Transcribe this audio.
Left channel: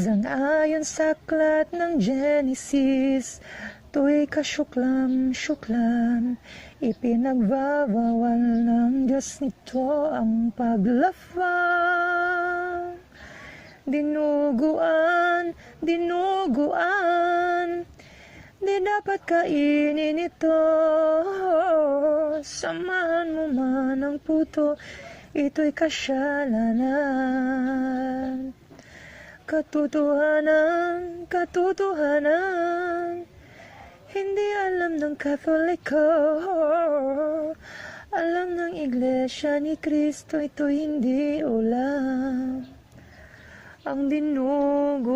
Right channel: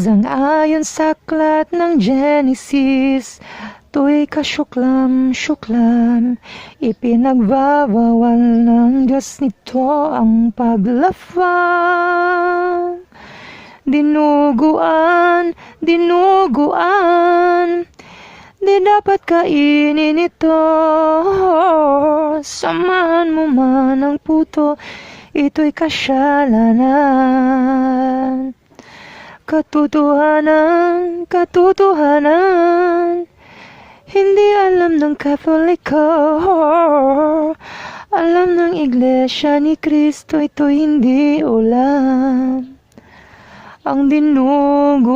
Ayon sa aklat ng Genesis, to'y kasyuklam-syuklam, ipinagbabawal ng Diyos nito ang paglafang. Dinuguan, di dapat kainin ito. Samahan mo man ang puto, ito'y kasyalanan. Katotohanan, hindi alam ng Katoliko, alam ng Iglesia ni Kristo, ito hindi ulam. Ang dinuguan